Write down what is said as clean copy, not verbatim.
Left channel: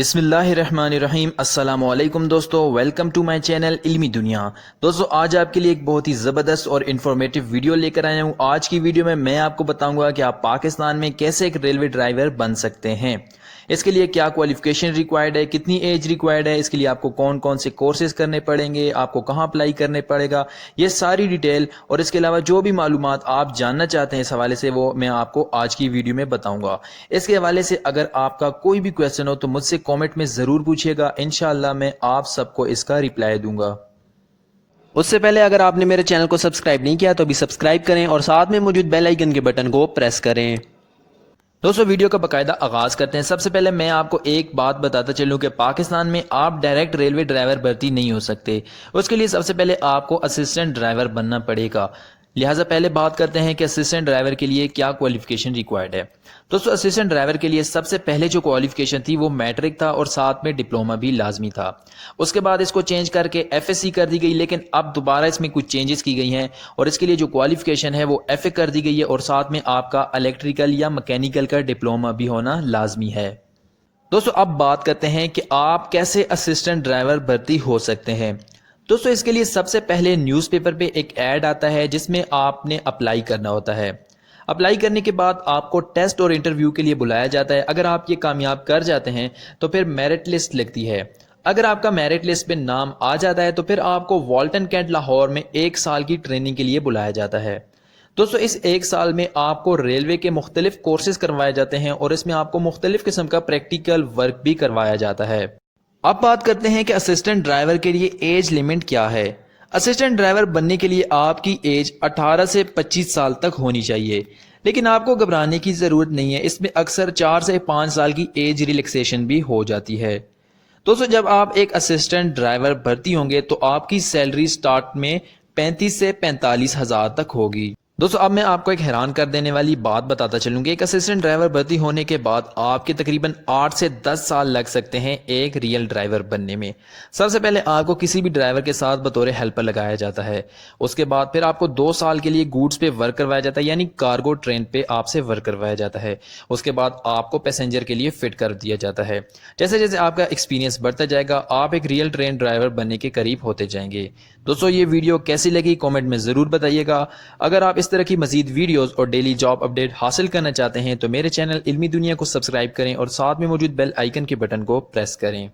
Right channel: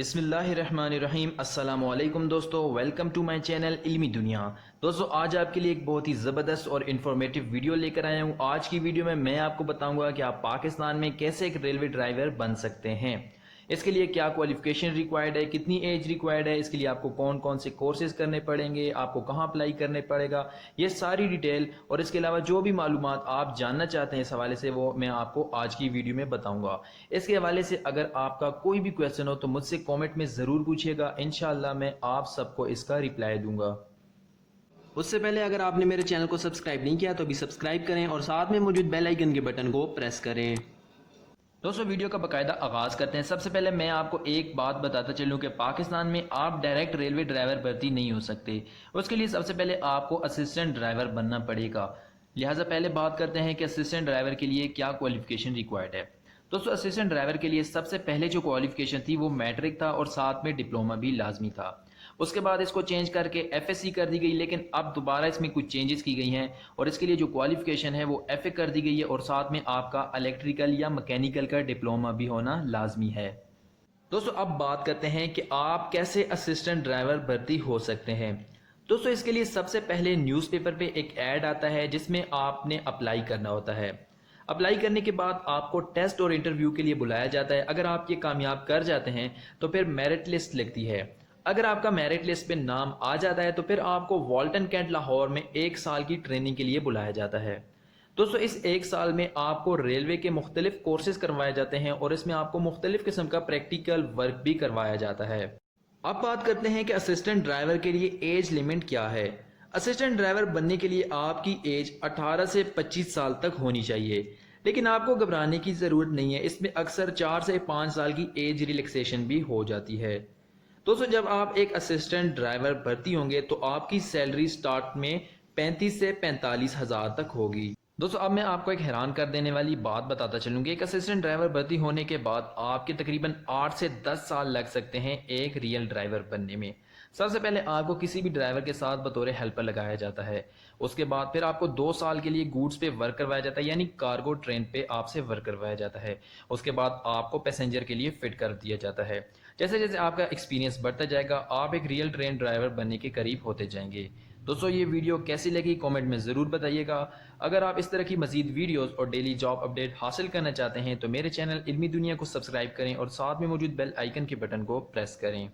بسم اللہ الرحمن الرحیم۔ السلام علیکم دوستو، ویلکم ٹو مائی چینل علمی دنیا۔ دوستو آج آپ کے لیے ایک بہت ہی زبردست اور انفارمیٹیو ویڈیو لے کر آیا ہوں۔ آج کی ویڈیو میں آپ کو بتاؤں گا کہ آپ پاکستان میں کیسے ایک ریلوے ڈرائیور بن سکتے ہیں، اس کے لیے کیا کوالیفیکیشن ریکوائرڈ ہے، کتنی ایج ریکوائرڈ ہے، اس کے لیے آپ کو کون کون سے کورسز کرنے پڑیں گے، آپ کو کہاں اپلائی کرنے پڑے گا، یہ ساری ڈیٹیل اور اس کے علاوہ جو بھی معلومات آپ جاننا چاہتے ہیں اس حوالے سے وہ میں آپ کو آج کی ویڈیو میں بتاؤں گا۔ اس کے حوالے سے اگر آپ کا کوئی بھی کویسچن ہو تو مجھ سے کامنٹ میں ضرور پوچھیے گا، انشاءاللہ میں آپ سب کو اس کا ریپلائی دوں گا۔ اس سے پہلے اگر آپ نے میرے چینل کو سبسکرائب نہیں کیا تو ابھی سبسکرائب کریں اور ساتھ میں موجود بیل آئیکن کے بٹن کو پریس کریں۔ دوستو ویڈیو کا باقاعدہ آغاز کرتے ہیں۔ سب سے پہلے میں آپ کو ایک بات بتاتا چلوں کہ پاکستان میں آپ ڈائریکٹ ریلوے ڈرائیور بھرتی نہیں ہو سکتے، اس کے لیے سب سے پہلے آپ کو اسسٹنٹ ڈرائیور بننا پڑے گا۔ لہٰذا پہلے بات کرتے ہیں کہ اسسٹنٹ ڈرائیور کے لیے کیا کوالیفیکیشن ریکوائرڈ ہے۔ دوستو اسسٹنٹ ڈرائیور کے لیے سب سے پہلے جو کوالیفیکیشن تھی وہ میٹرک تھا اور ساتھ میں ڈپلومہ بھی لازمی تھا۔ اس کے بعد اس کو چینج کر کے ایف ایس سی کر دی گئی، لیکن اب دوبارہ اس میں کچھ چینجز کی گئی ہیں اور اس کے لیے جو کوالیفیکیشن ہے وہ ایف اے کر دی گئی ہے اور ساتھ میں آپ کا الیکٹریکل یا مکینیکل کا ڈپلومہ بھی ہونا لازمی ہے۔ دوستو اب بات کرتے ہیں کہ آپ کیسے اسسٹنٹ ڈرائیور بھرتی ہو سکتے ہیں۔ دوستو اس کے لیے سب سے پہلے نیوز پیپر پہ ایک ایڈ آتا ہے جس میں آپ نے اپلائی کرنا ہوتا ہے۔ اپلائی کرنے کے بعد آپ کو ٹیسٹ اور انٹرویو کے لیے بلایا جاتا ہے۔ اگر آپ یہ کامیاب کر جاتے ہیں تو پھر میرٹ لسٹ لگتی ہے۔ اگر آپ کا میرٹ لسٹ پہ نام آ جاتا ہے تو پھر آپ کو والٹن کینٹ لاہور میں 1 سال کی ٹریننگ کے لیے بلایا جاتا ہے۔ دوستو اس 1 سال میں آپ کو ریلوے کے مختلف کورسز کروائے جاتے ہیں اور اس میں آپ کو مختلف قسم کا پریکٹیکل ورک بھی کروایا جاتا ہے۔ اب بات کرتے ہیں کہ اسسٹنٹ ڈرائیور کے لیے ایج لیمٹ کیا ہے۔ اسسٹنٹ ڈرائیور بننے کے لیے آپ کی ایج 18 سے 25 سال تک ہونی چاہیے، لیکن آپ کو گھبرانے کی ضرورت نہیں ہے، اس میں اکثر 4 سے 5 سال کی ایج ریلیکسیشن بھی ہو جاتی ہے۔ دوستو جب آپ ایک اسسٹنٹ ڈرائیور بھرتی ہوں گے تو آپ کی سیلری سٹارٹ میں 35 سے 45 ہزار تک ہوگی۔ دوستو اب میں آپ کو ایک حیران کر دینے والی بات بتاتا چلوں کہ ایک اسسٹنٹ ڈرائیور بھرتی ہونے کے بعد آپ کے تقریباً 8 سے 10 سال لگ سکتے ہیں ایک ریئل ڈرائیور بننے میں۔ سب سے پہلے آپ کو کسی بھی ڈرائیور کے ساتھ بطور ہیلپر لگایا جاتا ہے، اس کے بعد پھر آپ کو 2 سال کے لیے گوڈز پہ ورک کروایا جاتا ہے، یعنی کارگو ٹرین پہ آپ سے ورک کروایا جاتا ہے۔ اس کے بعد آپ کو پیسنجر کے لیے فٹ کر دیا جاتا ہے۔ جیسے جیسے آپ کا ایکسپیرینس بڑھتا جائے گا آپ ایک ریئل ٹرین ڈرائیور بننے کے قریب ہوتے جائیں گے۔ دوستو یہ ویڈیو کیسی لگی کامنٹ میں ضرور بتائیے گا۔ اگر آپ اس طرح کی مزید ویڈیوز اور ڈیلی جاب اپڈیٹ حاصل کرنا چاہتے ہیں تو میرے چینل علمی دنیا کو سبسکرائب کریں اور ساتھ میں موجود بیل آئیکن کے بٹن کو پریس کریں۔